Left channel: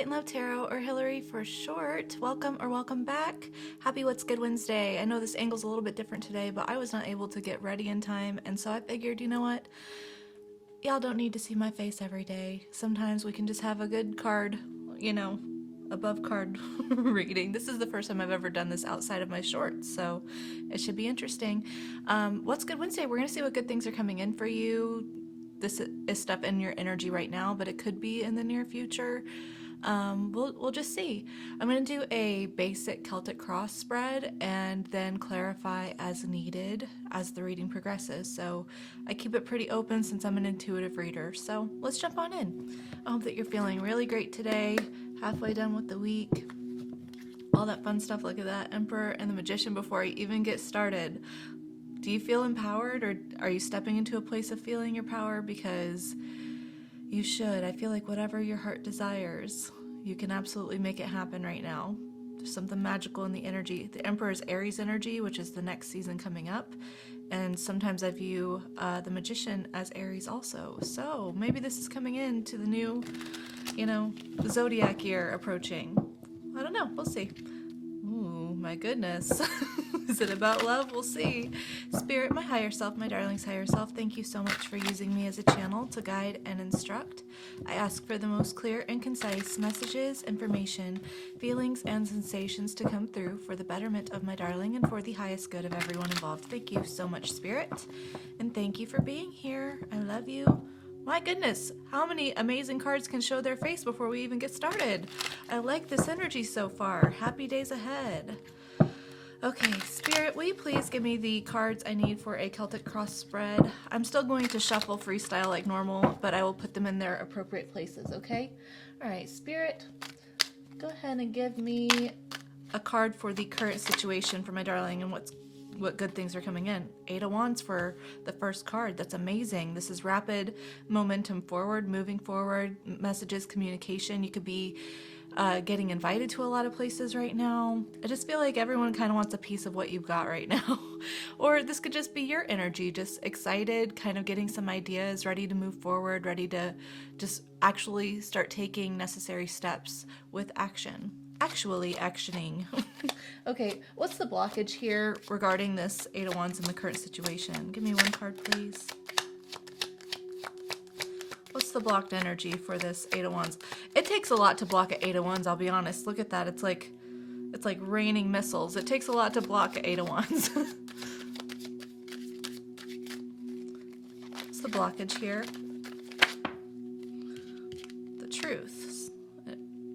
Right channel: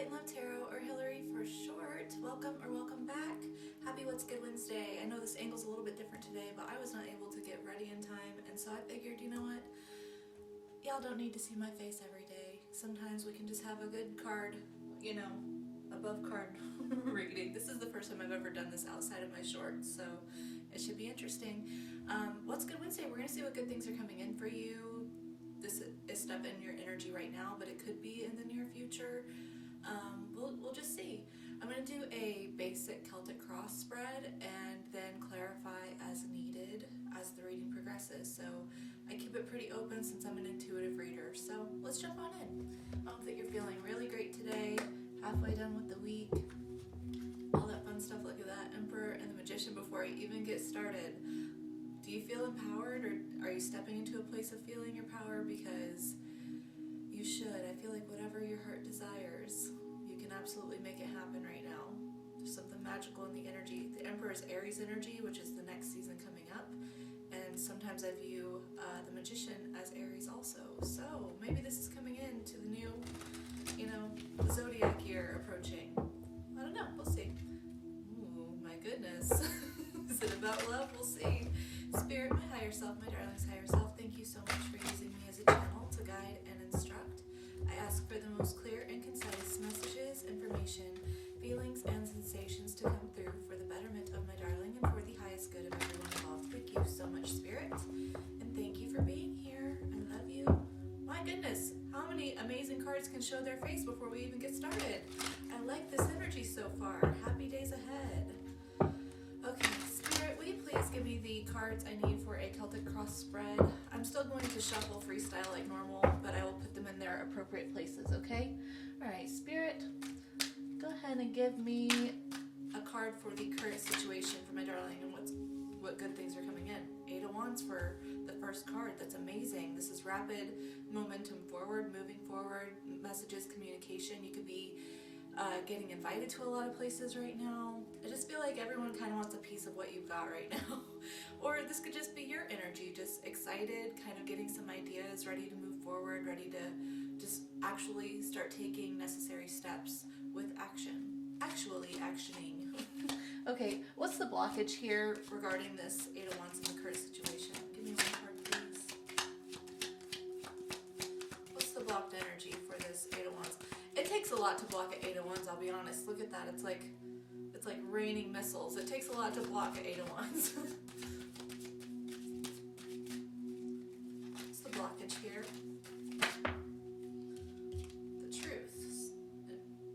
Light and Love Tarot, or Hillary for short. Welcome or welcome back. Happy What's Good Wednesday. I know this angle's a little bit different today, but I was not able to get ready in time, and so I figured, you know what? Y'all don't need to see my face every day. Sometimes we can just have a good card, you know, above card reading. This is the first time I've ever done this outside of my shorts, so it should be interesting. What's Good Wednesday? We're going to see what good things are coming in for you. This is stuff in your energy right now, but it could be in the near future. We'll just see. I'm going to do a basic Celtic cross spread and then clarify as needed as the reading progresses. So I keep it pretty open since I'm an intuitive reader. So let's jump on in. I hope that you're feeling really great today. Halfway done with the week. All that fun stuff. Look at that Emperor and the Magician before I even get started. Do you feel empowered, or are you stepping into a place of feeling your power? Because you should. I feel like whatever your heart desires, you can absolutely make it happen right now. There's something magical in the energy. The Emperor is Aries energy, which is the next season coming up. And sometimes I view the Magician as Aries also. So maybe this is coming into the new, zodiac year approaching. I don't know. We'll see. Ooh, my goodness. Is it about love? We'll see. Spirit, my higher self, my darling's higher self, thank you so much for using me as a channel to guide and instruct. I ask for the most clear and concise messages, information, feelings, and sensations to come through for the betterment of my darling and for the highest good of everyone involved. Thank you so much, Spirit. And thank you for being here. I love you. My goodness, how many amazing cards can show their face before we even get started? I like this energy so far. Happy days ahead. Okay, Spirit, will you please give me the cards I need for a Celtic cross spread? I'm still going to shuffle freestyle like normal, but I will put them in their appropriate places, okay? All right, Spirit, go ahead and give me a card for the current situation for my darling and what good things are coming in. 8 of Wands for the first card. That's amazing. This is rapid momentum forward, moving forward, messages, communication. You could be getting invited to a lot of places right now. I just feel like everyone kind of wants a piece of what you've got right now. Or this could just be your energy, just excited, kind of getting some ideas, ready to move forward, ready to just actually start taking necessary steps with action. Actually actioning. Okay, what's the blockage here regarding this 8 of Wands in the current situation? Give me one card, please. What's the blocked energy for this 8 of Wands? It takes a lot to block an 8 of Wands, I'll be honest. Look at that. It's like raining missiles. It takes a lot to block an 8 of Wands. What's the blockage here? The truth.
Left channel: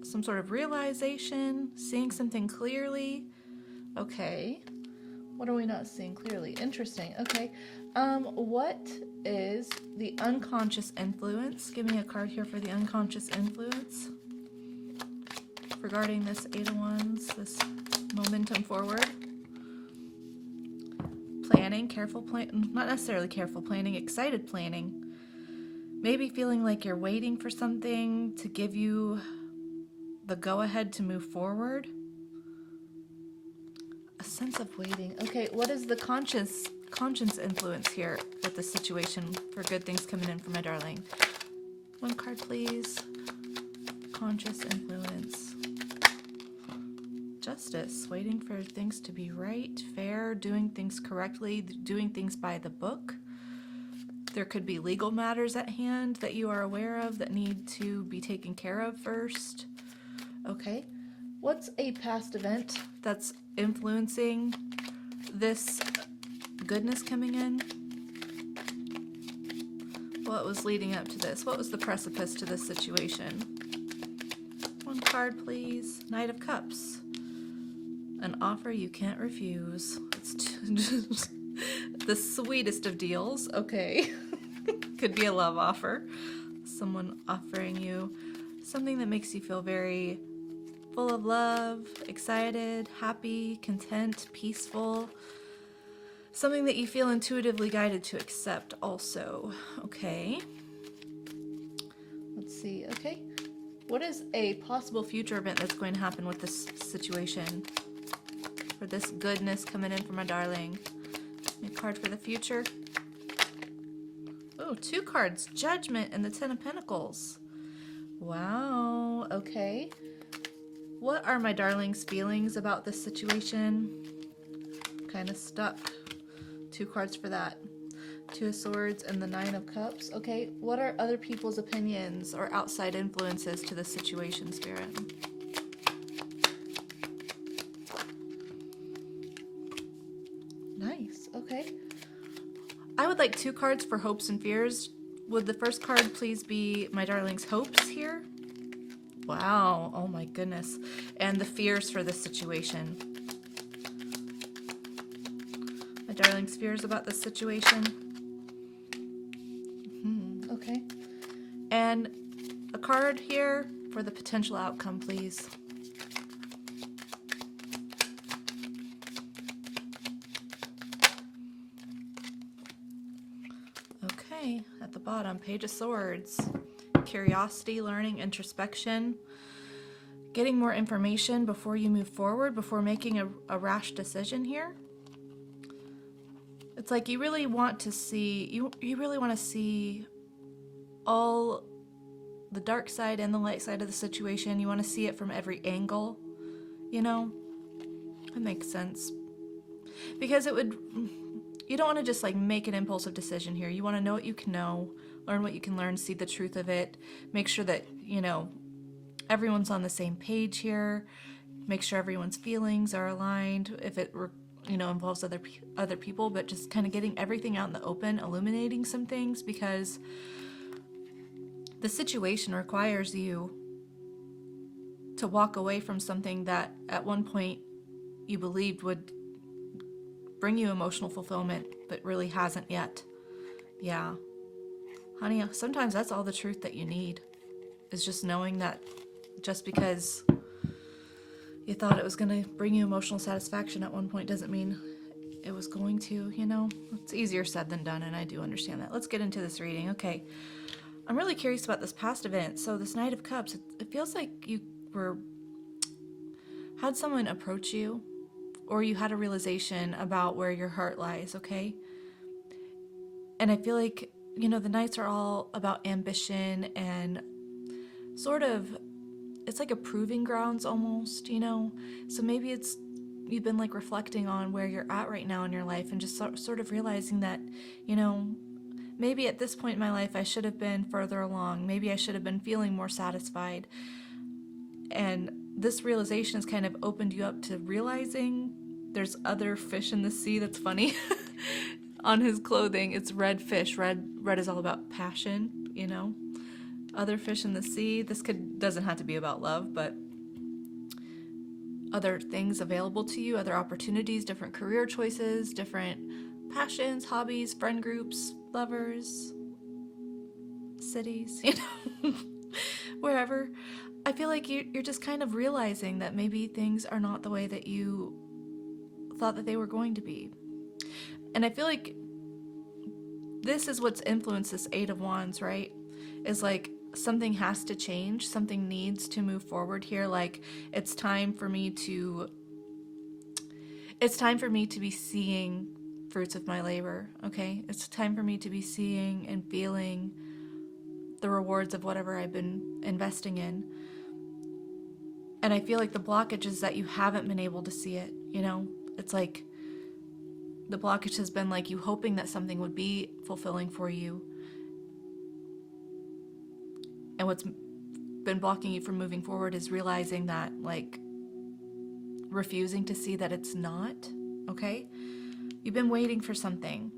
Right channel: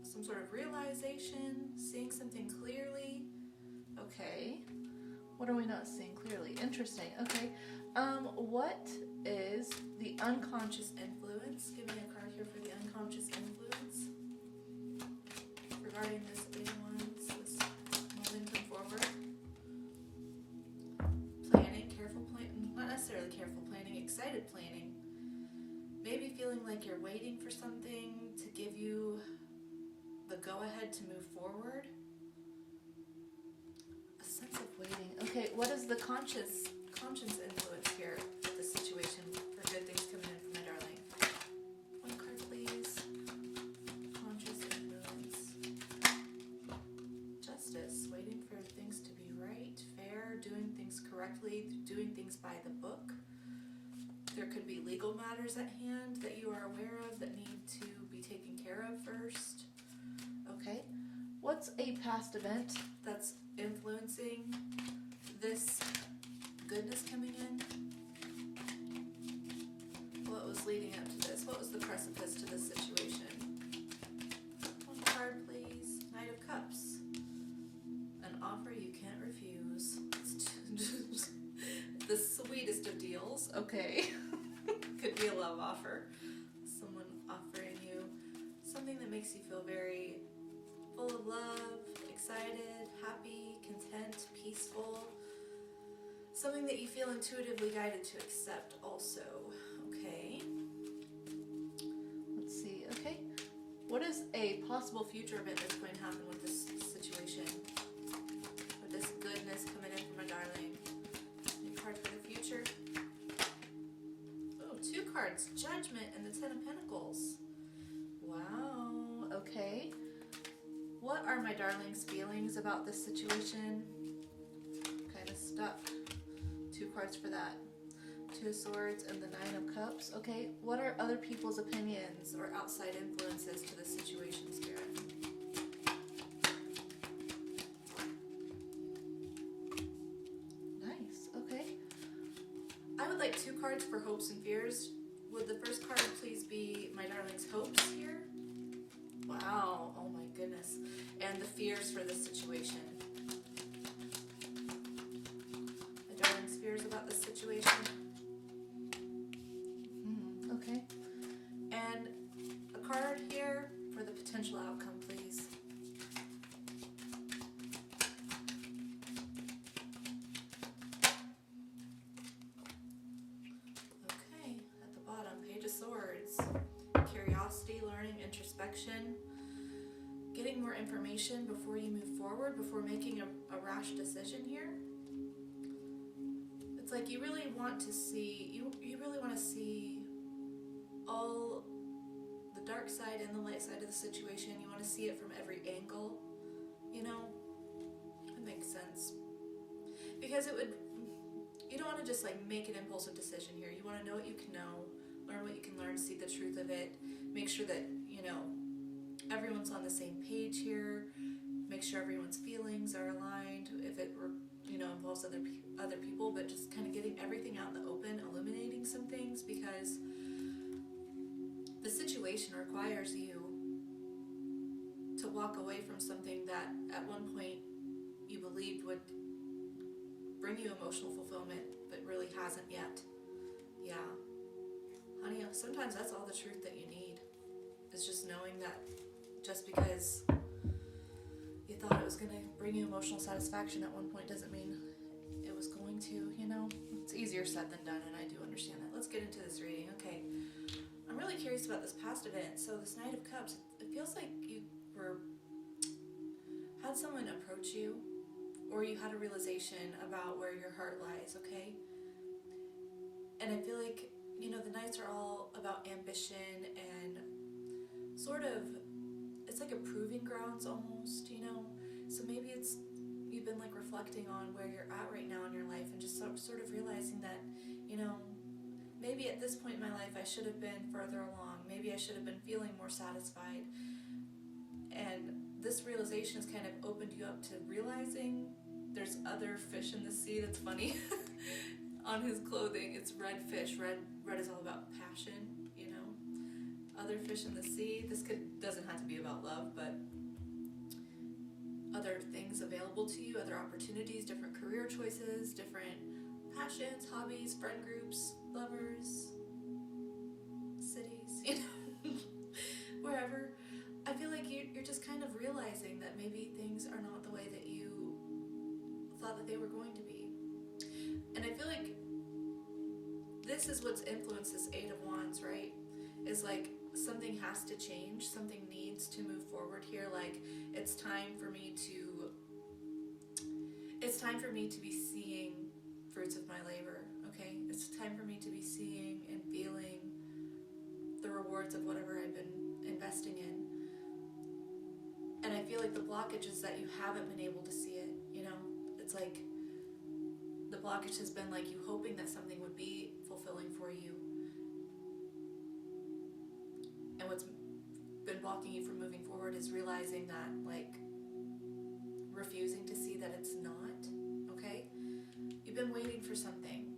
Some sort of realization, seeing something clearly. Okay. What are we not seeing clearly? Interesting. Okay. What is the unconscious influence? Give me a card here for the unconscious influence regarding this 8 of Wands, this momentum forward. Planning, careful plan, not necessarily careful planning, excited planning. Maybe feeling like you're waiting for something to give you the go-ahead to move forward. A sense of waiting. Okay, what is the conscience influence here with this situation for good things coming in for my darling? One card, please. Conscious influence. Justice. Waiting for things to be right, fair, doing things correctly, doing things by the book. There could be legal matters at hand that you are aware of that need to be taken care of first. Okay. What's a past event that's influencing this goodness coming in? What was leading up to this? What was the precipice to this situation? One card, please. Knight of Cups. An offer you can't refuse. It's just the sweetest of deals. Okay. Could be a love offer. Someone offering you something that makes you feel very full of love, excited, happy, content, peaceful. Something that you feel intuitively guided to accept also. Okay. Let's see. Okay. What is a possible future event that's going to happen with this situation? For this goodness coming in for my darling. A card for the future. Oh, 2 cards. Judgment and the 10 of Pentacles. Wow. Okay. What are my darlings' feelings about this situation? Kind of stuck. 2 cards for that. 2 of Swords and the 9 of Cups. Okay, what are other people's opinions or outside influences to the situation, Spirit? Nice, okay. I would like 2 cards for hopes and fears. Would the first card please be my darling's hopes here? Wow, oh my goodness. And the fears for this situation. My darling's fears about this situation. Okay. And a card here for the potential outcome, please. Okay, at the bottom, Page of Swords. Curiosity, learning, introspection. Getting more information before you move forward, before making a rash decision here. It's like you really want to see, you really want to see all the dark side and the light side of the situation. You want to see it from every angle, you know? It makes sense. Because you don't want to just like make an impulsive decision here. You want to know what you can know, learn what you can learn, see the truth of it, make sure that, you know, everyone's on the same page here, make sure everyone's feelings are aligned if it, you know, involves other people, but just kind of getting everything out in the open, illuminating some things, because the situation requires you to walk away from something that at one point you believed would bring you emotional fulfillment, but really hasn't yet. Yeah. Honey, sometimes that's all the truth that you need, is just knowing that just because you thought it was going to bring you emotional satisfaction at one point doesn't mean it was going to, you know? It's easier said than done, and I do understand that. Let's get into this reading. Okay. I'm really curious about this past event. So this Knight of Cups, it feels like you had someone approach you, or you had a realization about where your heart lies, okay? And I feel like, you know, the Knights are all about ambition and sort of, it's like a proving grounds almost, you know? So maybe you've been like reflecting on where you're at right now in your life and just sort of realizing that, you know, maybe at this point in my life I should have been further along. Maybe I should have been feeling more satisfied. And this realization has kind of opened you up to realizing there's other fish in the sea. That's funny. On his clothing, it's red fish. Red is all about passion, you know? Other fish in the sea. This doesn't have to be about love, but other things available to you, other opportunities, different career choices, different passions, hobbies, friend groups, lovers, cities, you know, wherever. I feel like you're just kind of realizing that maybe things are not the way that you thought that they were going to be. And I feel like this is what's influenced this Eight of Wands, right? Is like something has to change, something needs to move forward here. Like it's time for me to be seeing fruits of my labor, okay? It's time for me to be seeing and feeling the rewards of whatever I've been investing in. And I feel like the blockage is that you haven't been able to see it, you know? It's like the blockage has been like you hoping that something would be fulfilling for you. And what's been blocking you from moving forward is realizing that, like, refusing to see that it's not, okay? You've been waiting for something.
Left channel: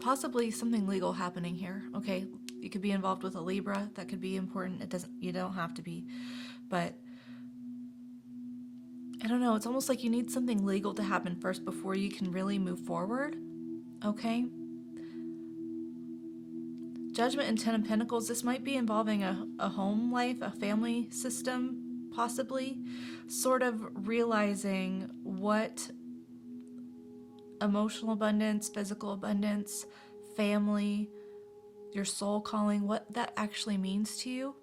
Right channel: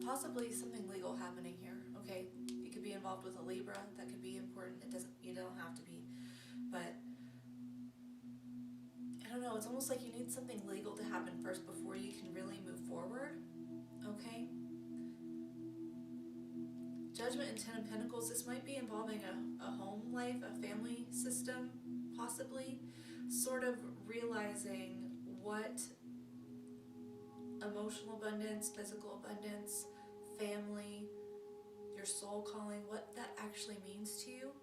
Possibly something legal happening here, okay? You could be involved with a Libra. That could be important. You don't have to be. But I don't know, it's almost like you need something legal to happen first before you can really move forward, okay? Judgment and Ten of Pentacles, this might be involving a home life, a family system, possibly. Sort of realizing what emotional abundance, physical abundance, family, your soul calling, what that actually means to you.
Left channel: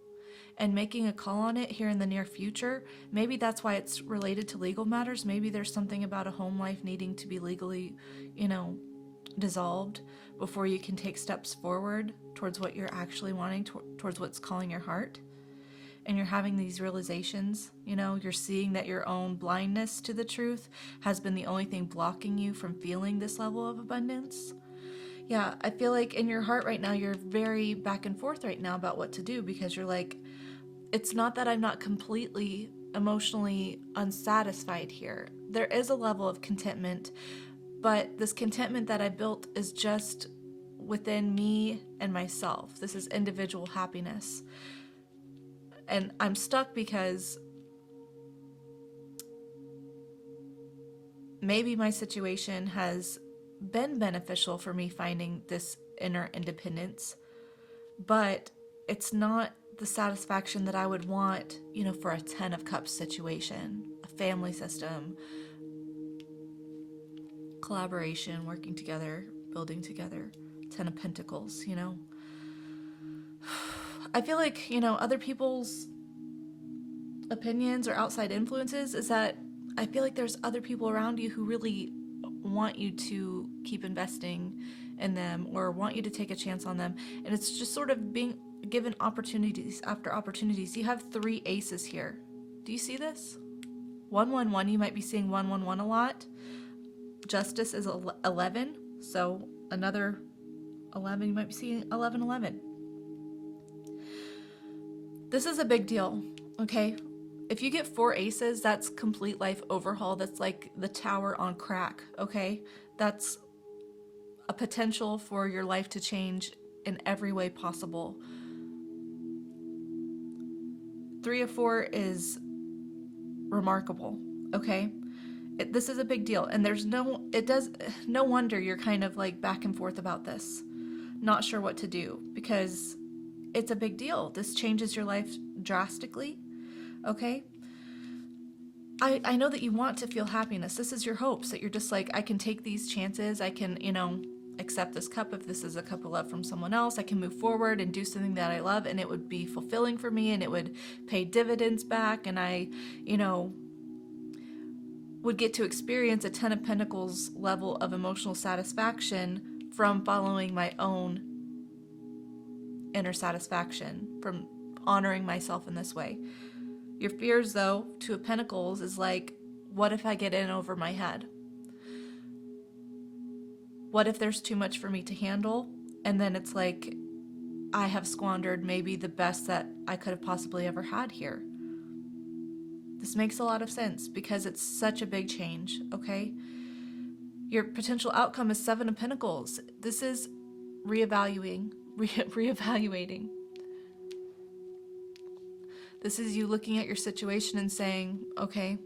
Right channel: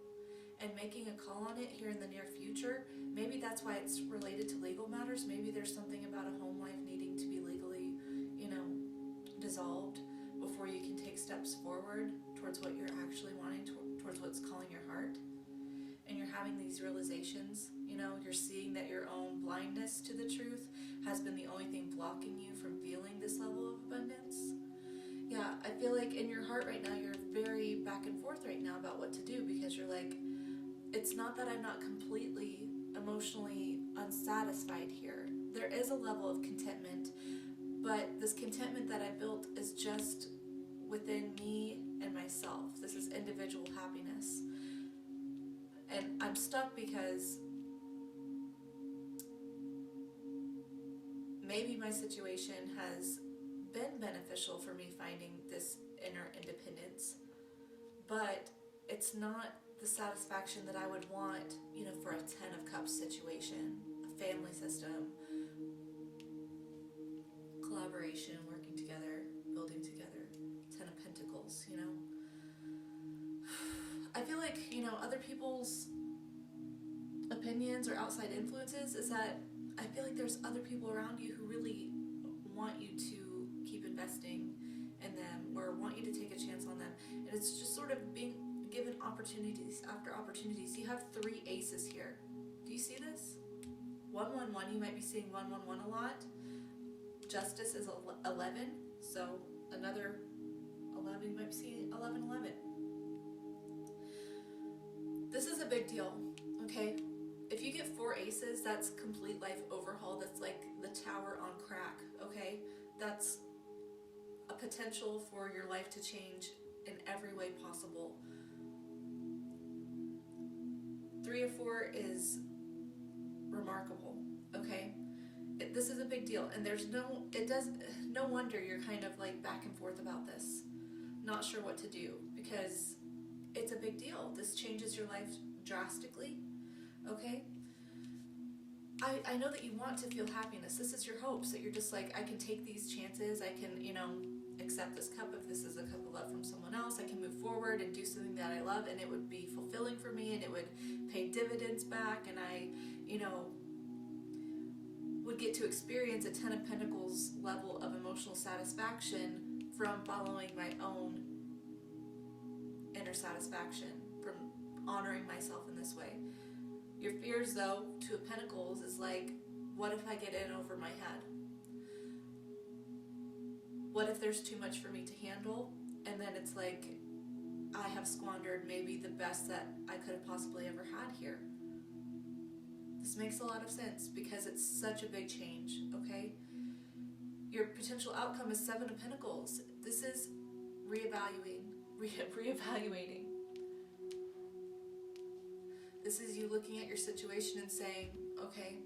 And making a call on it here in the near future. Maybe that's why it's related to legal matters. Maybe there's something about a home life needing to be legally, you know, dissolved before you can take steps forward towards what you're actually wanting, towards what's calling your heart. and you're having these realizations, you're seeing that your own blindness to the truth has been the only thing blocking you from feeling this level of abundance. Yeah, I feel like in your heart right now, you're very back and forth right now about what to do, because you're like, it's not that I'm not completely emotionally unsatisfied here. There is a level of contentment, but this contentment that I built is just within me and myself. This is individual happiness. And I'm stuck because maybe my situation has been beneficial for me finding this inner independence, but it's not the satisfaction that I would want, for a 10 of Cups situation, a family system, collaboration, working together, building together, 10 of Pentacles, I feel like, other people's opinions or outside influences is that I feel like there's other people around you who really want you to keep investing in them or want you to take a chance on them. And it's just sort of being given opportunities after opportunities. You have 3 aces here. Do you see this? 111, you might be seeing 111 a lot. Justice is 11, so another 11, you might be seeing 1111. This is a big deal, okay? If you get 4 aces, that's complete life overhaul. That's like the tower on crack, okay? That's a potential for your life to change in every way possible. 3 of 4 is remarkable, okay? This is a big deal, and no wonder you're kind of like back and forth about this, not sure what to do, because it's a big deal. This changes your life drastically, okay? I know that you want to feel happiness. This is your hopes, that you're just like, I can take these chances. I can, accept this cup if this is a cup of love from someone else. I can move forward and do something that I love, and it would be fulfilling for me, and it would pay dividends back, and I, would get to experience a 10 of Pentacles level of emotional satisfaction from following my own inner satisfaction, from honoring myself in this way. Your fears, though, 2 of Pentacles is like, what if I get in over my head? What if there's too much for me to handle? And then it's like, I have squandered maybe the best that I could have possibly ever had here. This makes a lot of sense because it's such a big change, okay? Your potential outcome is 7 of Pentacles. This is reevaluating. This is you looking at your situation and saying, okay,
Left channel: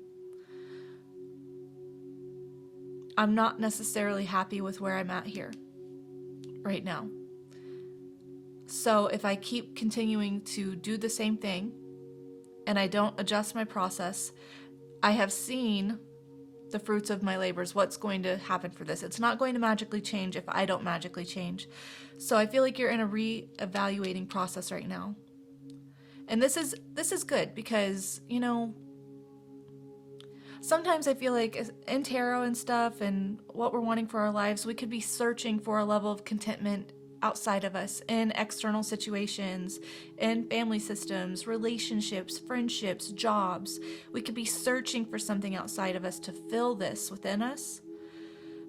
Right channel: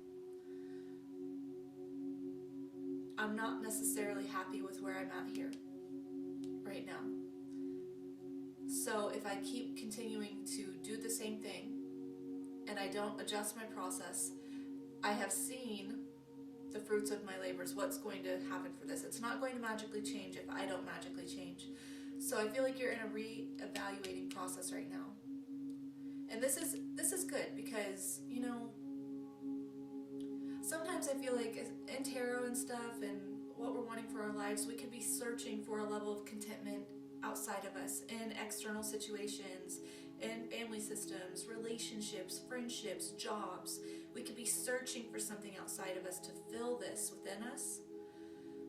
I'm not necessarily happy with where I'm at here right now. So if I keep continuing to do the same thing and I don't adjust my process, I have seen the fruits of my labors. What's going to happen for this? It's not going to magically change if I don't magically change. So I feel like you're in a re-evaluating process right now. And this is good because, sometimes I feel like in tarot and stuff and what we're wanting for our lives, we could be searching for a level of contentment outside of us in external situations, in family systems, relationships, friendships, jobs. We could be searching for something outside of us to fill this within us.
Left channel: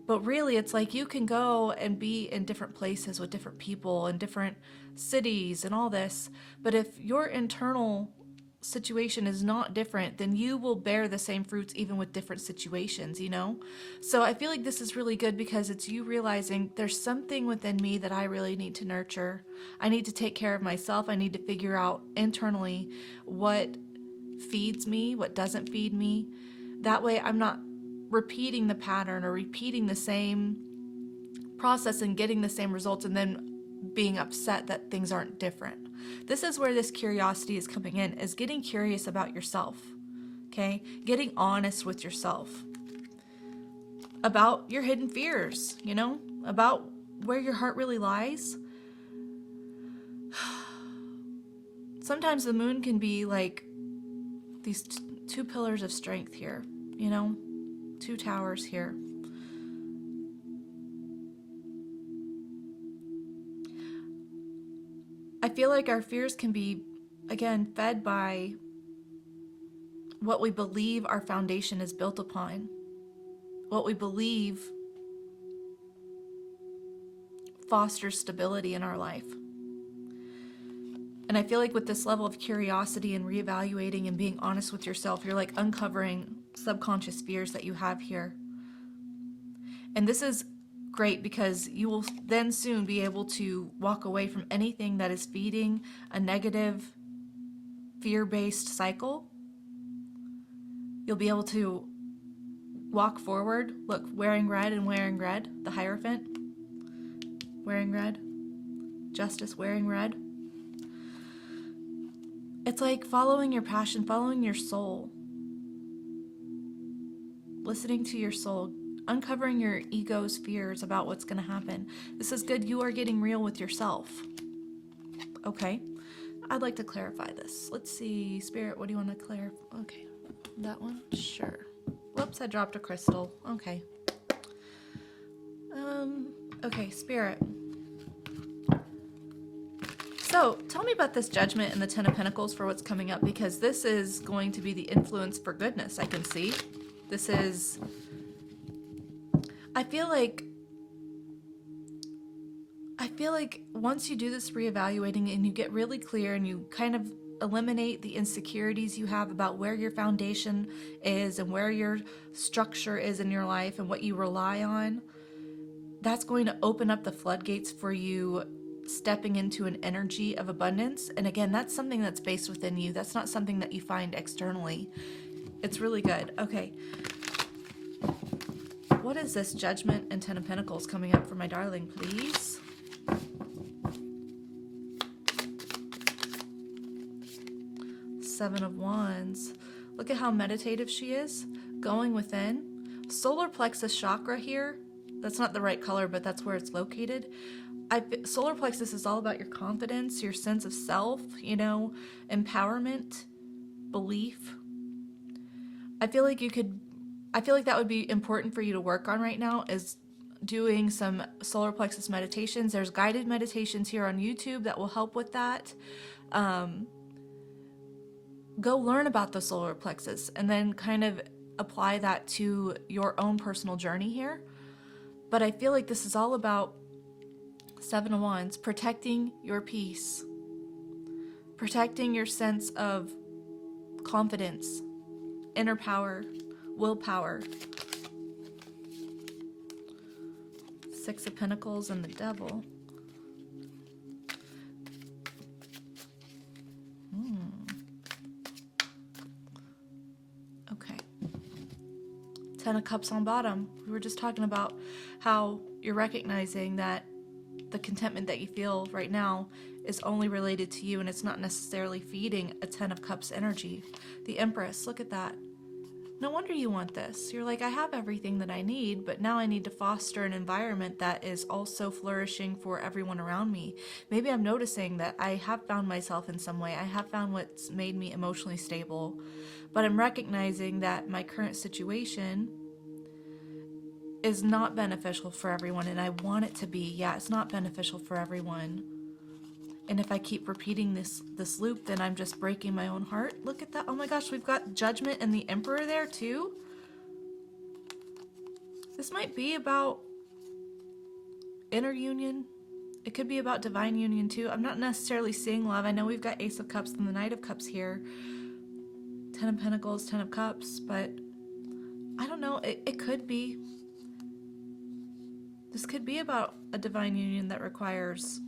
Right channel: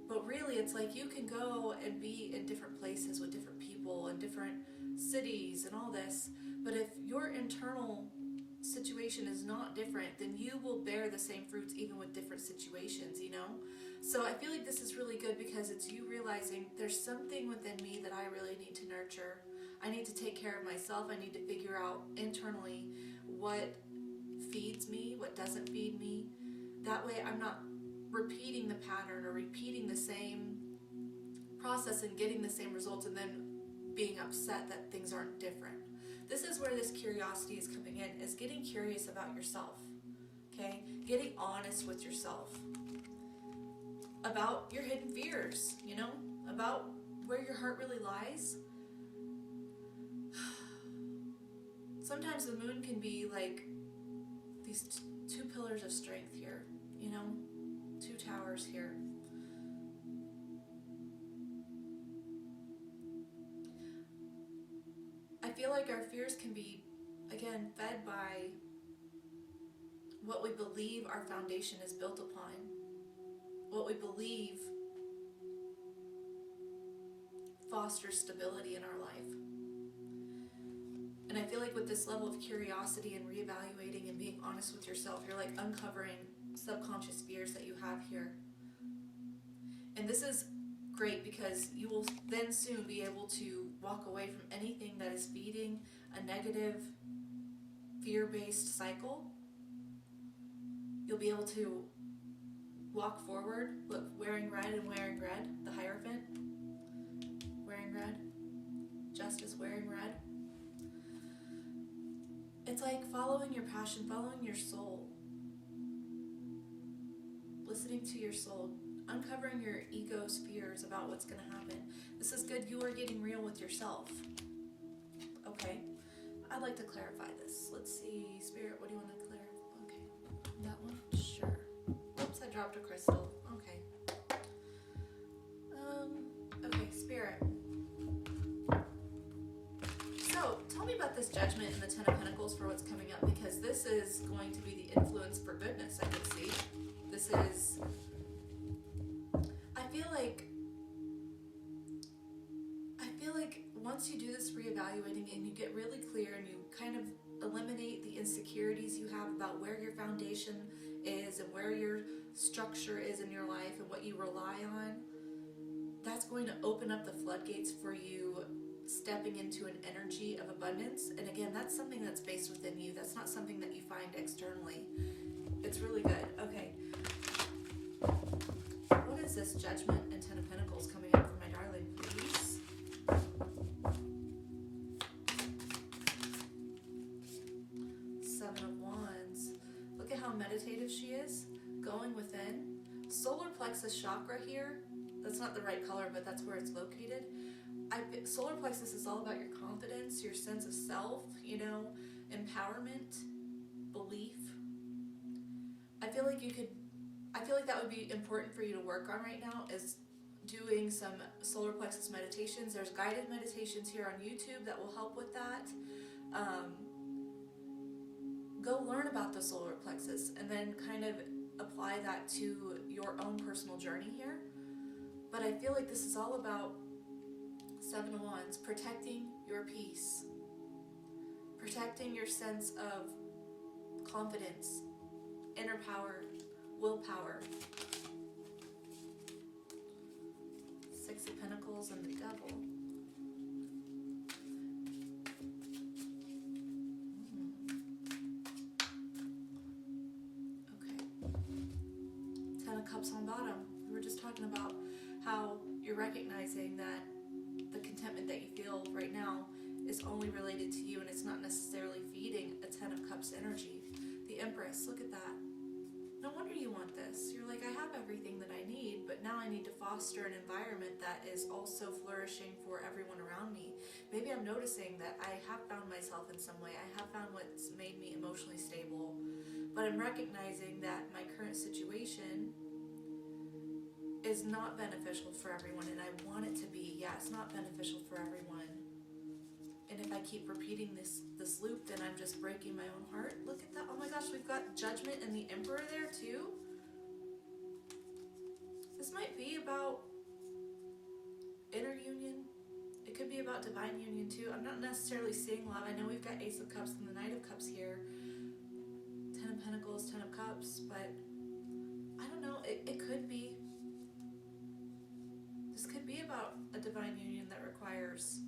But really, it's like you can go and be in different places with different people and different cities and all this. But if your internal situation is not different, then you will bear the same fruits even with different situations, So I feel like this is really good because it's you realizing there's something within me that I really need to nurture. I need to take care of myself. I need to figure out internally what feeds me, what doesn't feed me. That way I'm not repeating the pattern or repeating the same process and getting the same results and then being upset that things aren't different. This is where this curiosity is coming in, is getting curious about yourself, okay? Getting honest with yourself about your hidden fears, about where your heart really lies. Sometimes the moon can be like these 2 pillars of strength here, 2 towers here. I feel like our fears can be again, fed by what we believe our foundation is built upon, what we believe fosters stability in our life. And I feel like with this level of curiosity and reevaluating and being honest with yourself, you're like uncovering subconscious fears that you have here. And this is great because you will then soon be able to walk away from anything that is feeding a negative, fear-based cycle. You'll be able to walk forward. Look, wearing red and wearing red, the Hierophant, wearing red, Justice wearing red. It's like following your passion, following your soul, listening to your soul, uncovering your ego's fears about what's going to happen. This is good. You are getting real with yourself. Okay. I'd like to clarify this. Let's see. Spirit, what do you want to clarify? Okay. That one? Sure. Whoops, I dropped a crystal. Okay. Okay, Spirit. So, tell me about this Judgment and the Ten of Pentacles for what's coming up, because this is going to be the influence for goodness, I can see. This is... I feel like once you do this reevaluating and you get really clear and you kind of eliminate the insecurities you have about where your foundation is and where your structure is in your life and what you rely on, that's going to open up the floodgates for you stepping into an energy of abundance. And again, that's something that's based within you. That's not something that you find externally. It's really good. Okay. What is this Judgment and Ten of Pentacles coming up for my darling, please? Seven of Wands. Look at how meditative she is. Going within. Solar plexus chakra here. That's not the right color, but that's where it's located. Solar plexus is all about your confidence, your sense of self, you know, empowerment, belief. I feel like that would be important for you to work on right now, is doing some solar plexus meditations. There's guided meditations here on YouTube that will help with that. Go learn about the solar plexus and then kind of apply that to your own personal journey here. But I feel like this is all about Seven of Wands, protecting your peace, protecting your sense of confidence, inner power, willpower. Six of Pentacles and the Devil. Okay. Ten of Cups on bottom. We were just talking about how you're recognizing that the contentment that you feel right now is only related to you and it's not necessarily feeding a Ten of Cups energy. The Empress, look at that. No wonder you want this. You're like, I have everything that I need, but now I need to foster an environment that is also flourishing for everyone around me. Maybe I'm noticing that I have found myself in some way. I have found what's made me emotionally stable, but I'm recognizing that my current situation is not beneficial for everyone, and I want it to be. Yeah, it's not beneficial for everyone. And if I keep repeating this loop, then I'm just breaking my own heart. Look at that. Oh my gosh, we've got Judgment and the Emperor there too. This might be about inner union. It could be about divine union too. I'm not necessarily seeing love. I know we've got Ace of Cups and the Knight of Cups here. Ten of Pentacles, Ten of Cups, but I don't know. It could be. This could be about a divine union that requires,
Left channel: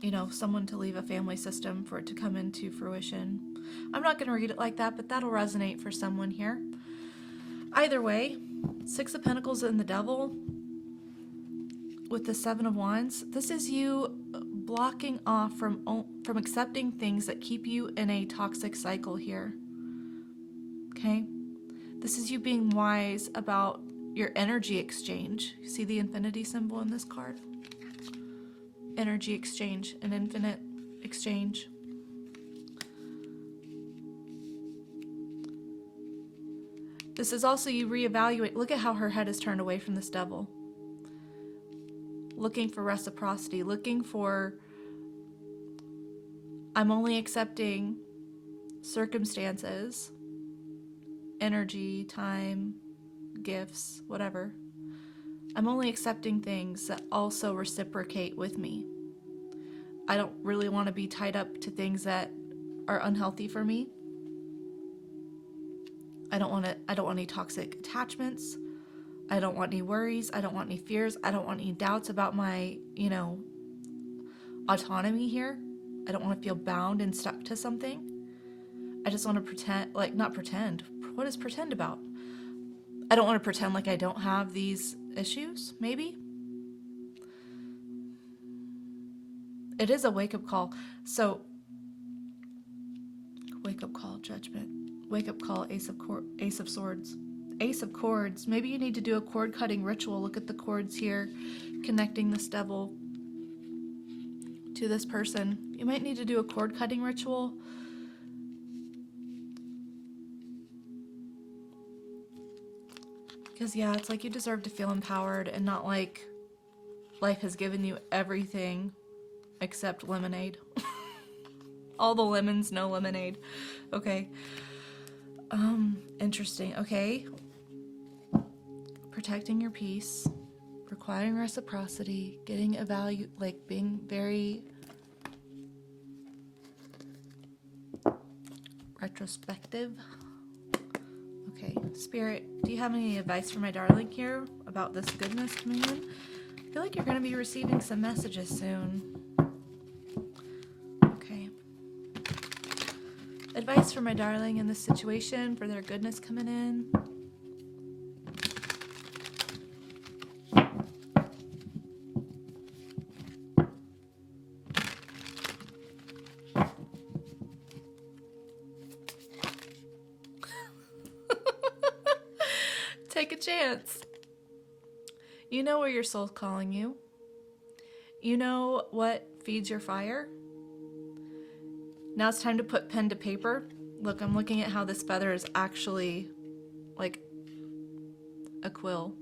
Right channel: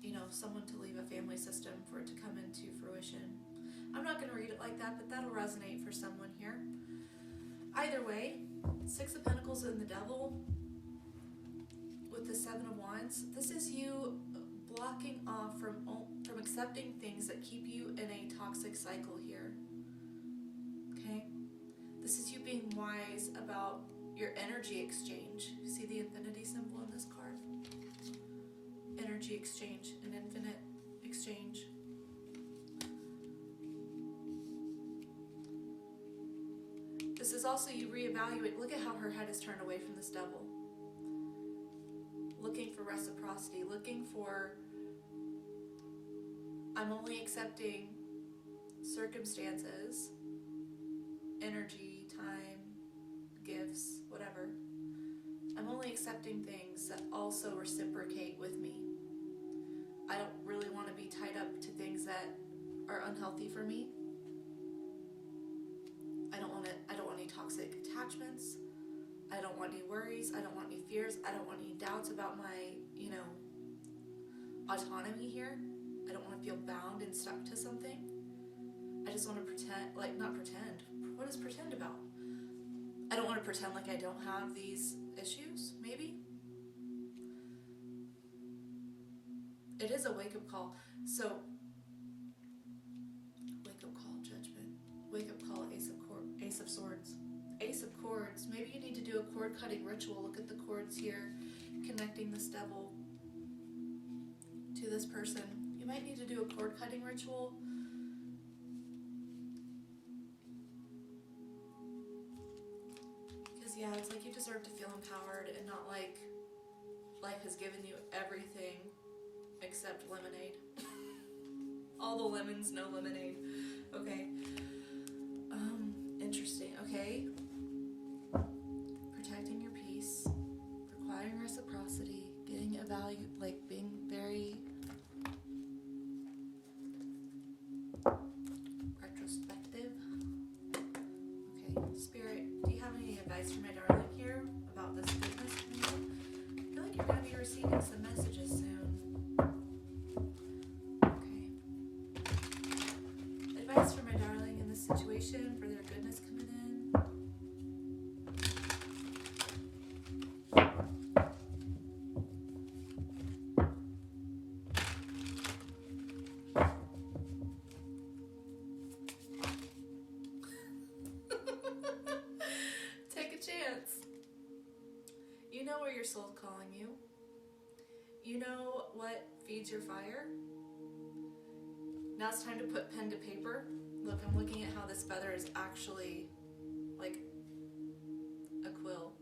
you know, someone to leave a family system for it to come into fruition. I'm not going to read it like that, but that'll resonate for someone here. Either way, Six of Pentacles and the Devil with the Seven of Wands. This is you blocking off from accepting things that keep you in a toxic cycle here. Okay? This is you being wise about your energy exchange. You see the infinity symbol in this card? Energy exchange, an infinite exchange. This is also you reevaluate. Look at how her head is turned away from this devil. Looking for reciprocity, looking for I'm only accepting circumstances, energy, time, gifts, whatever. I'm only accepting things that also reciprocate with me. I don't really want to be tied up to things that are unhealthy for me. I don't want any toxic attachments. I don't want any worries. I don't want any fears. I don't want any doubts about my, autonomy here. I don't want to feel bound and stuck to something. I just want to pretend, not pretend. What is pretend about? I don't want to pretend like I don't have these issues, maybe. It is a wake-up call. So, wake-up call, judgment. Wake-up call, Ace of Swords. Ace of Cords. Maybe you need to do a cord-cutting ritual. Look at the cords here, connecting this devil to this person. You might need to do a cord-cutting ritual. Because, yeah, it's like you deserve to feel empowered and not like life has given you everything except lemonade. All the lemons, no lemonade. Okay. Interesting. Okay. Protecting your peace, requiring reciprocity, getting a value, being very retrospective. Okay, Spirit, do you have any advice for my darling here about this goodness coming in? I feel like you're going to be receiving some messages soon. Okay. Advice for my darling in this situation, for their goodness coming in. Take a chance. You know where your soul's calling you. You know what feeds your fire. Now it's time to put pen to paper. Look, I'm looking at how this feather is actually like a quill.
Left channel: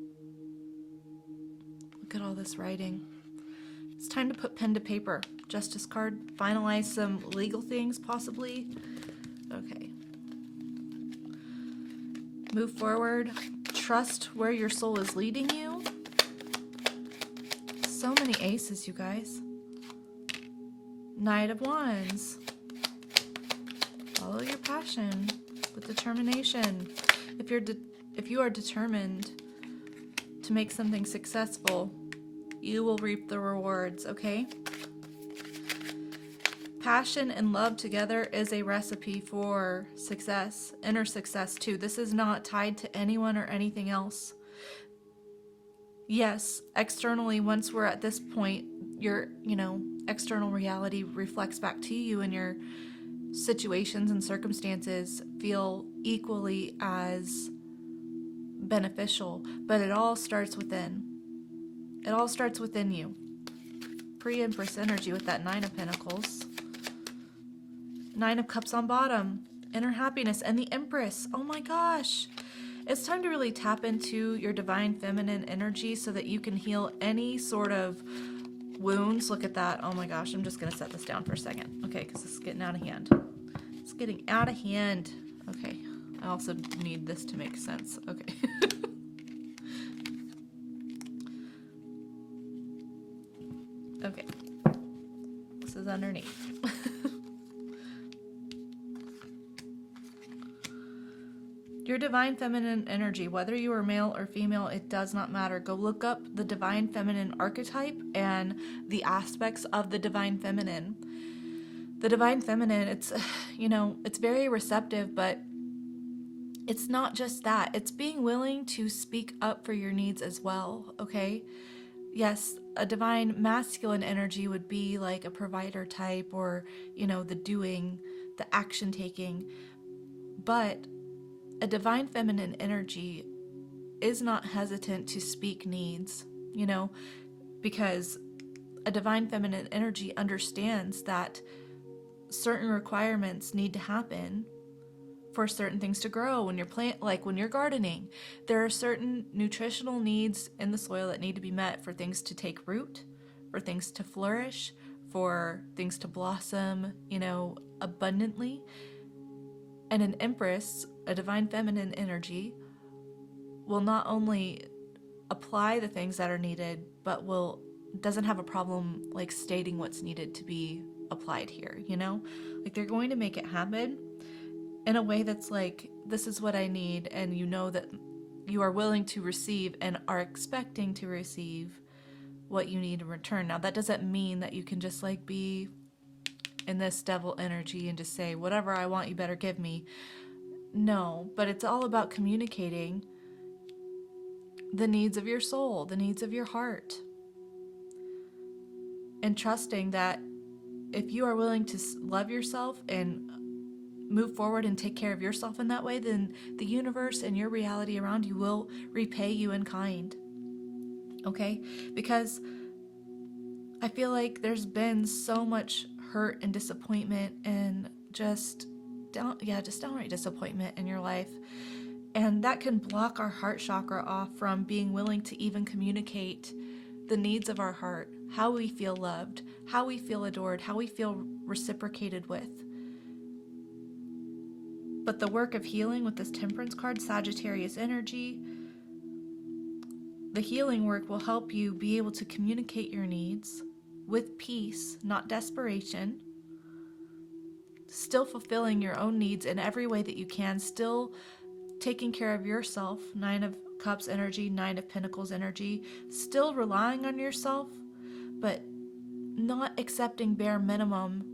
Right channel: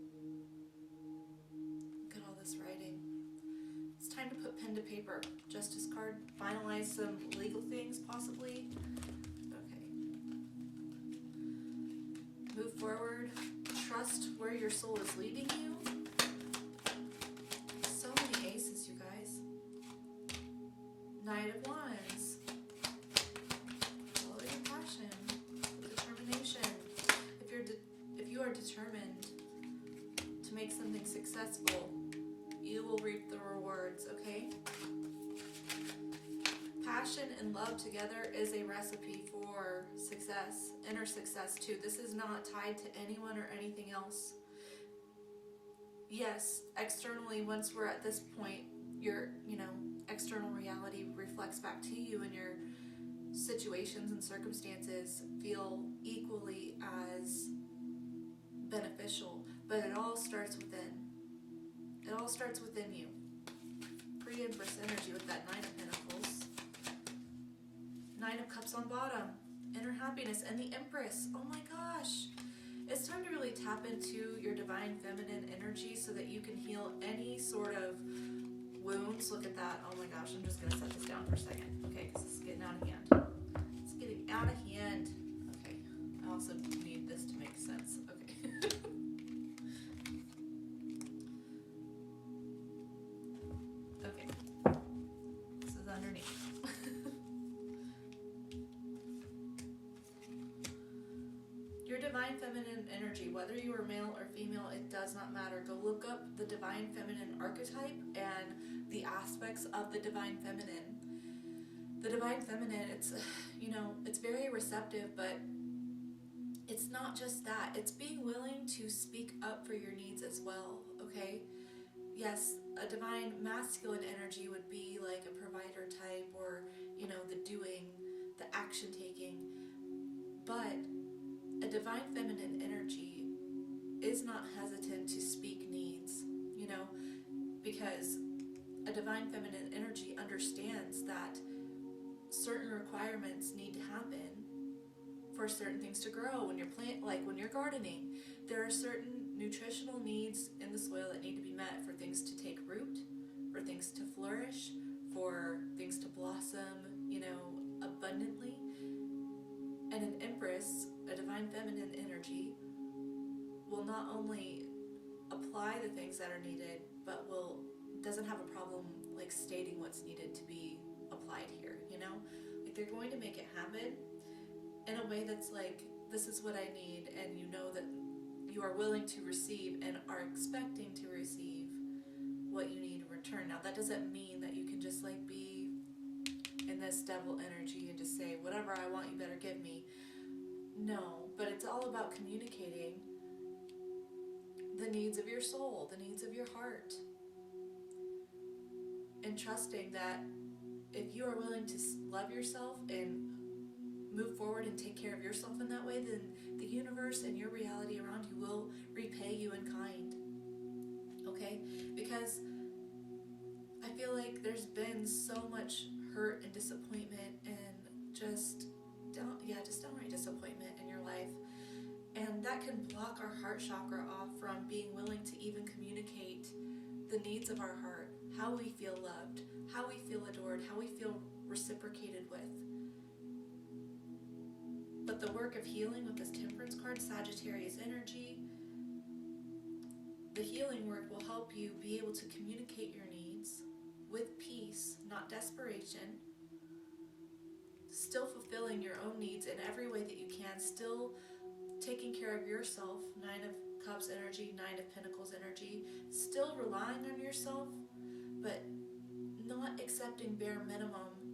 Look at all this writing. It's time to put pen to paper. Justice card. Finalize some legal things, possibly. Okay. Move forward. Trust where your soul is leading you. So many aces, you guys. Knight of Wands. Follow your passion with determination. If you are determined to make something successful, you will reap the rewards, okay? Passion and love together is a recipe for success, inner success too. This is not tied to anyone or anything else. Yes, externally, once we're at this point, your, external reality reflects back to you, and your situations and circumstances feel equally as beneficial, but it all starts within. It all starts within you. Pre-Empress energy with that Nine of Pentacles. Nine of Cups on bottom. Inner happiness. And the Empress. Oh my gosh. It's time to really tap into your divine feminine energy so that you can heal any sort of wounds. Look at that. Oh my gosh. I'm just going to set this down for a second. Okay, because this is getting out of hand. It's getting out of hand. Okay. I also need this to make sense. Okay. Okay. This is underneath. Your divine feminine energy, whether you are male or female, it does not matter. Go look up the divine feminine archetype and the aspects of the divine feminine. The divine feminine, it's very receptive, but it's not just that. It's being willing to speak up for your needs as well, okay? Yes, a divine masculine energy would be like a provider type, or, the doing, the action taking. But a divine feminine energy is not hesitant to speak needs, because a divine feminine energy understands that certain requirements need to happen for certain things to grow. When you're when you're gardening, there are certain nutritional needs in the soil that need to be met for things to take root, for things to flourish, for things to blossom, abundantly. And an Empress, a divine feminine energy, will not only apply the things that are needed, but doesn't have a problem like stating what's needed to be applied here, Like they're going to make it happen in a way that's like, this is what I need, and that you are willing to receive and are expecting to receive what you need in return. Now, that doesn't mean that you can just like be in this devil energy and just say, whatever I want, you better give me. No, but it's all about communicating the needs of your soul, the needs of your heart, and trusting that if you are willing to love yourself and move forward and take care of yourself in that way, then the universe and your reality around you will repay you in kind. Okay? Because I feel like there's been so much hurt and disappointment and just downright disappointment in your life. And that can block our heart chakra off from being willing to even communicate the needs of our heart, how we feel loved, how we feel adored, how we feel reciprocated with. But the work of healing with this Temperance card, Sagittarius energy, the healing work will help you be able to communicate your needs with peace, not desperation, still fulfilling your own needs in every way that you can, still taking care of yourself, 9 of Cups energy, 9 of Pentacles energy, still relying on yourself, but not accepting bare minimum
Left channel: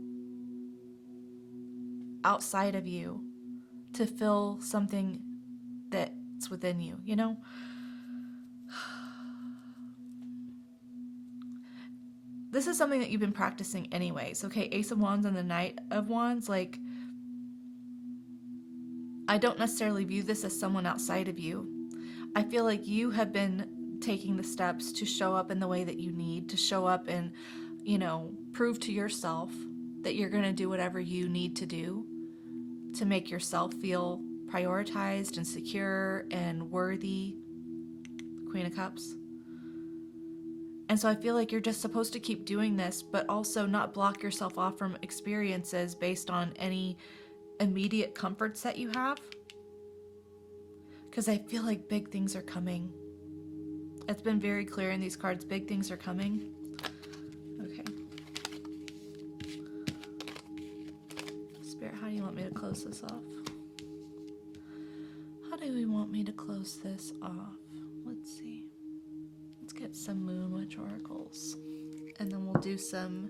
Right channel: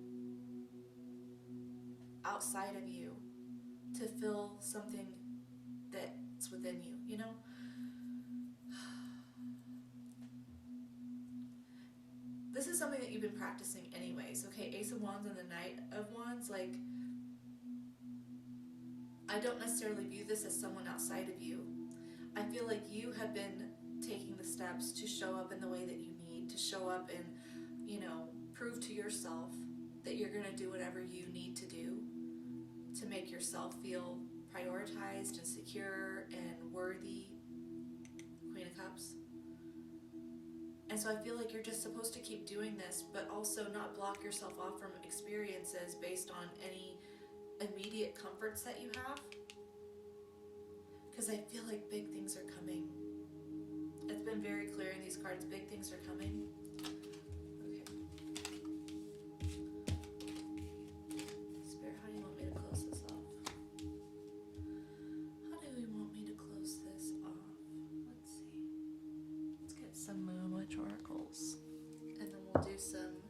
outside of you to fill something that's within you, This is something that you've been practicing anyways, okay? Ace of Wands and the Knight of Wands, like, I don't necessarily view this as someone outside of you. I feel like you have been taking the steps to show up in the way that you need, to show up and, prove to yourself that you're going to do whatever you need to do to make yourself feel prioritized and secure and worthy. Queen of Cups. And so I feel like you're just supposed to keep doing this, but also not block yourself off from experiences based on any immediate comforts that you have. Because I feel like big things are coming. It's been very clear in these cards, big things are coming. Okay. Spirit, how do you want me to close this off? How do you want me to close this off? Let's see. Let's get some Moon Witch oracles. And then we'll do some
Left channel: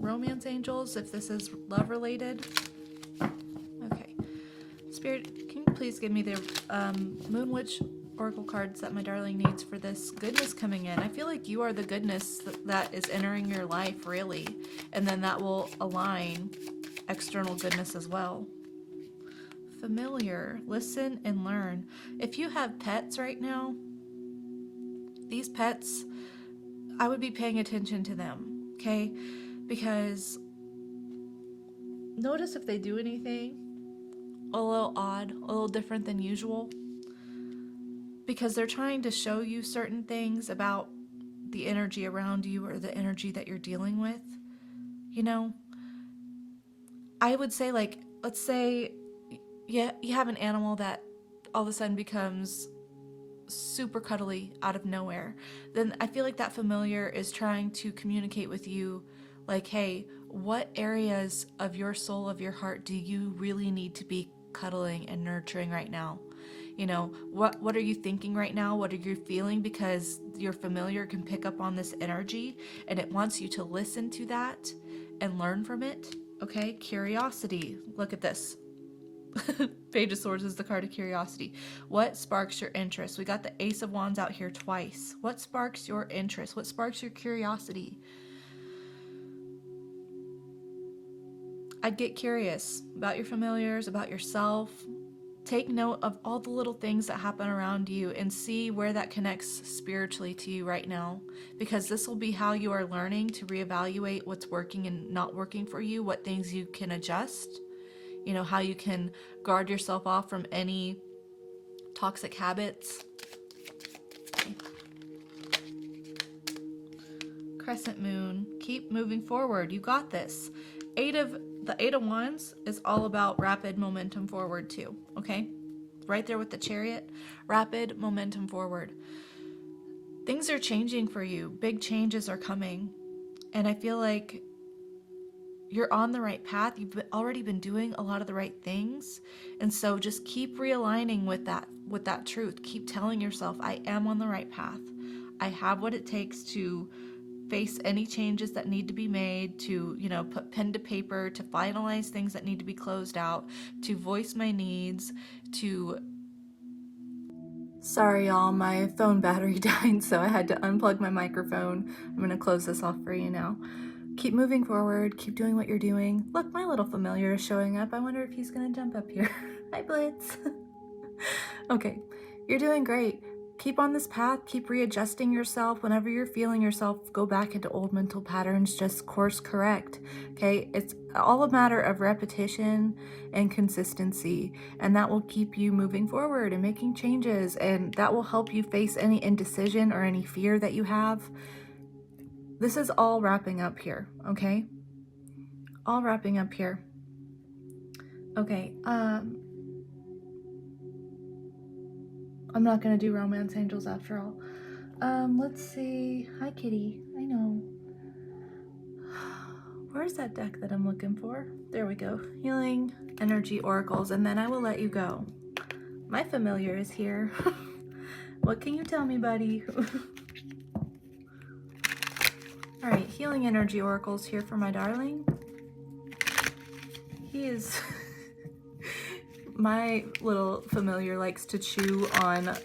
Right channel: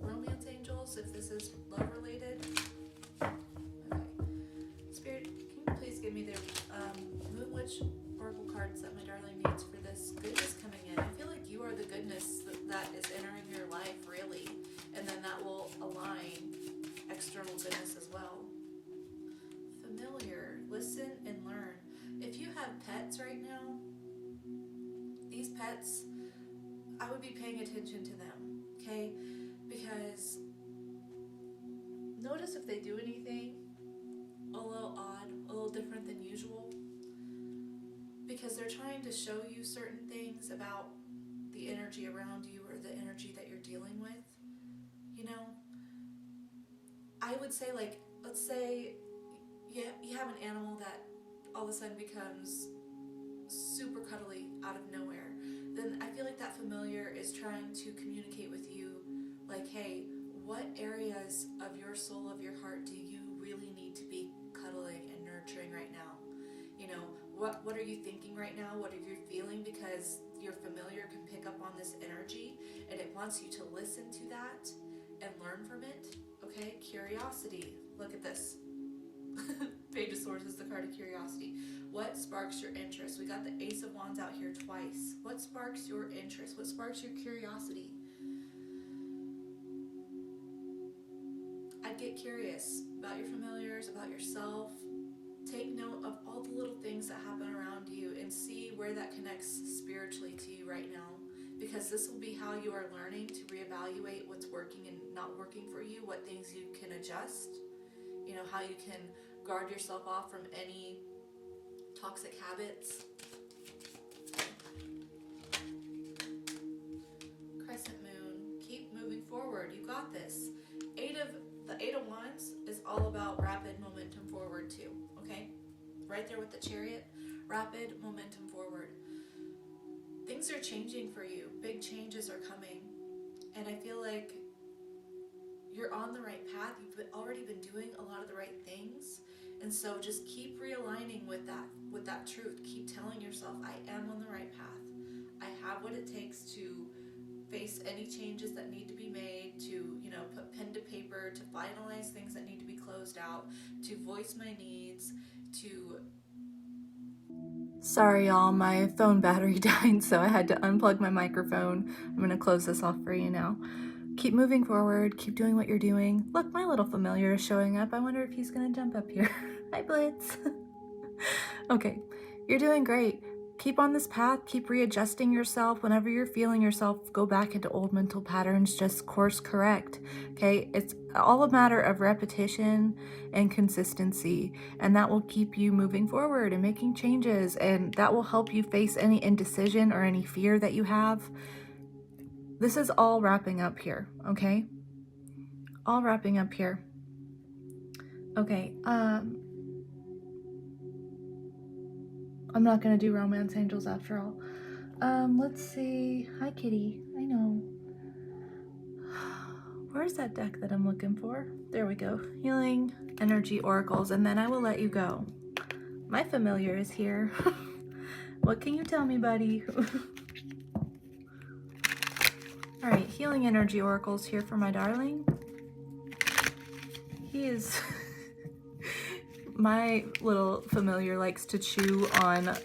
romance angels if this is love related. Okay. Spirit, can you please give me the Moon Witch oracle cards that my darling needs for this goodness coming in? I feel like you are the goodness that is entering your life, really. And then that will align external goodness as well. Familiar, listen and learn. If you have pets right now, these pets, I would be paying attention to them, okay? Because notice if they do anything a little odd, a little different than usual. Because they're trying to show you certain things about the energy around you or the energy that you're dealing with. I would say, like, let's say you have an animal that all of a sudden becomes super cuddly out of nowhere. Then I feel like that familiar is trying to communicate with you like, hey, what areas of your soul, of your heart do you really need to be cuddling and nurturing right now? What are you thinking right now? What are you feeling? Because your familiar can pick up on this energy and it wants you to listen to that and learn from it. Okay, curiosity. Look at this. Page of Swords is the card of curiosity. What sparks your interest? We got the Ace of Wands out here twice. What sparks your interest? What sparks your curiosity? I'd get curious about your familiars, about yourself. Take note of all the little things that happen around you and see where that connects spiritually to you right now. Because this will be how you are learning to reevaluate what's working and not working for you, what things you can adjust, how you can guard yourself off from any toxic habits. Crescent moon. Keep moving forward. You got this. The Eight of Wands is all about rapid momentum forward too, okay? Right there with the Chariot. Rapid momentum forward. Things are changing for you. Big changes are coming. And I feel like you're on the right path. You've already been doing a lot of the right things. And so just keep realigning with that truth. Keep telling yourself, I am on the right path. I have what it takes to face any changes that need to be made, to, put pen to paper, to finalize things that need to be closed out, to voice my needs, to... Sorry y'all, my phone battery died, so I had to unplug my microphone. I'm gonna close this off for you now. Keep moving forward, keep doing what you're doing. Look, my little familiar is showing up. I wonder if he's gonna jump up here. Hi, Blitz. Okay, you're doing great. Keep on this path, keep readjusting yourself. Whenever you're feeling yourself go back into old mental patterns, just course correct, okay? It's all a matter of repetition and consistency, and that will keep you moving forward and making changes, and that will help you face any indecision or any fear that you have. This is all wrapping up here, okay? All wrapping up here. Okay, I'm not gonna do romance angels after all. Let's see. Hi, Kitty. I know. Where's that deck that I'm looking for? There we go. Healing energy oracles, and then I will let you go. My familiar is here. What can you tell me, buddy? All right, healing energy oracles here for my darling. He is... My little familiar likes to chew on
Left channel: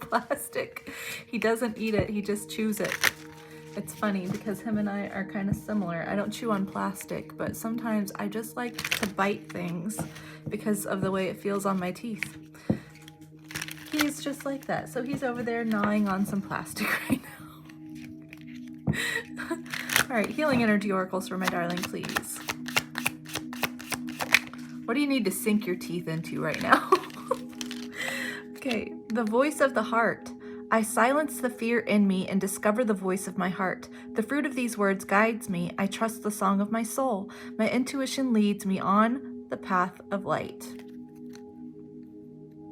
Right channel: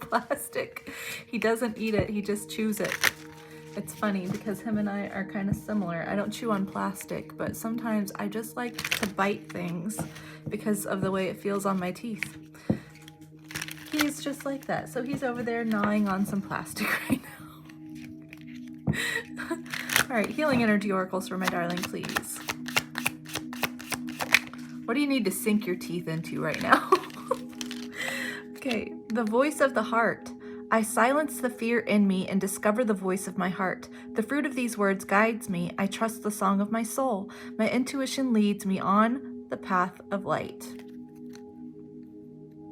plastic. He doesn't eat it, he just chews it. It's funny because him and I are kind of similar. I don't chew on plastic, but sometimes I just like to bite things because of the way it feels on my teeth. He's just like that. So he's over there gnawing on some plastic right now. All right, healing energy oracles for my darling, please. What do you need to sink your teeth into right now? Okay, the voice of the heart. I silence the fear in me and discover the voice of my heart. The fruit of these words guides me. I trust the song of my soul. My intuition leads me on the path of light.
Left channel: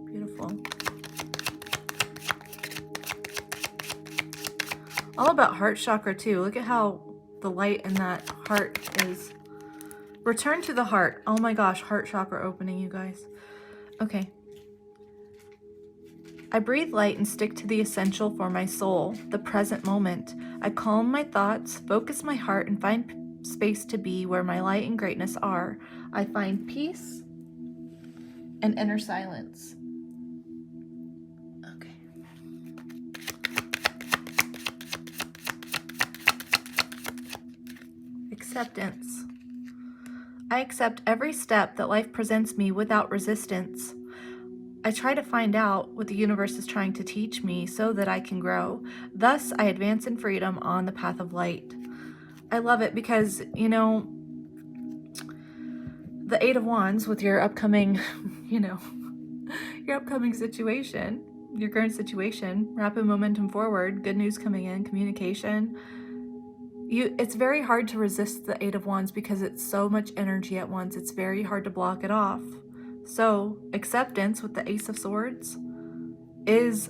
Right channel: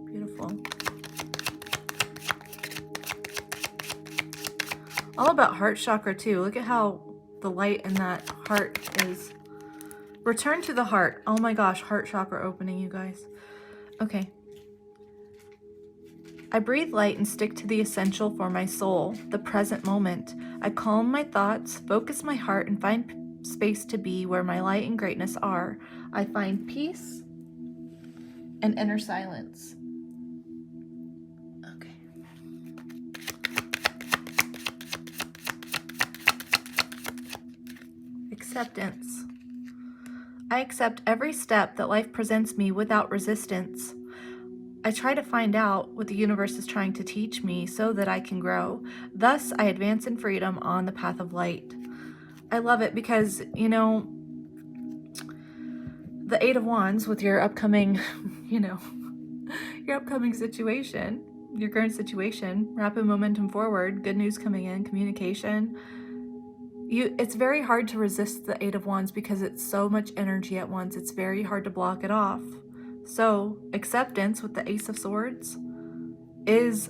Beautiful. All about heart chakra too. Look at how the light in that heart is. Return to the heart. Oh my gosh, heart chakra opening, you guys. Okay. I breathe light and stick to the essential for my soul, the present moment. I calm my thoughts, focus my heart, and find space to be where my light and greatness are. I find peace and inner silence. Okay. Acceptance. I accept every step that life presents me without resistance. I try to find out what the universe is trying to teach me so that I can grow. Thus, I advance in freedom on the path of light. I love it because, you know, the Eight of Wands with your upcoming, your upcoming situation, your current situation, rapid momentum forward, good news coming in, communication. It's very hard to resist the Eight of Wands because it's so much energy at once. It's very hard to block it off. So acceptance with the Ace of Swords is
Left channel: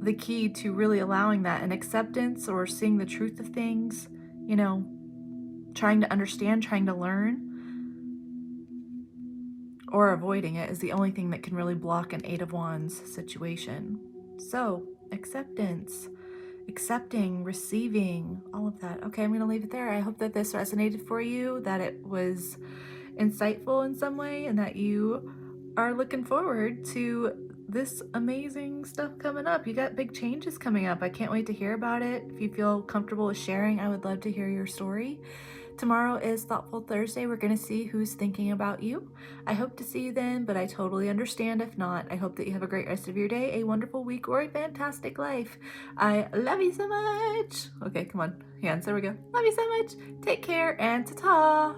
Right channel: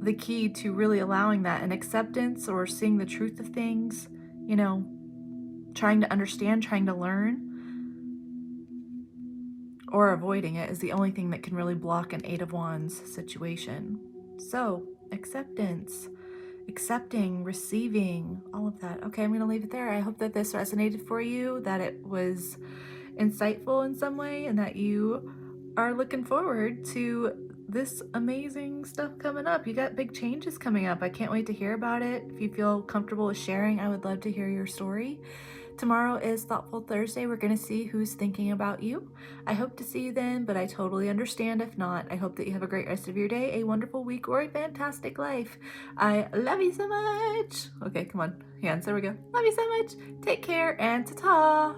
the key to really allowing that. And acceptance, or seeing the truth of things, trying to understand, trying to learn, or avoiding it is the only thing that can really block an Eight of Wands situation. So acceptance. Accepting, receiving, all of that. Okay, I'm going to leave it there. I hope that this resonated for you, that it was insightful in some way, and that you are looking forward to this amazing stuff coming up. You got big changes coming up. I can't wait to hear about it. If you feel comfortable with sharing, I would love to hear your story. Tomorrow is Thoughtful Thursday. We're going to see who's thinking about you. I hope to see you then, but I totally understand if not. I hope that you have a great rest of your day, a wonderful week, or a fantastic life. I love you so much. Okay, come on. Hands, there we go. Love you so much. Take care, and ta-ta.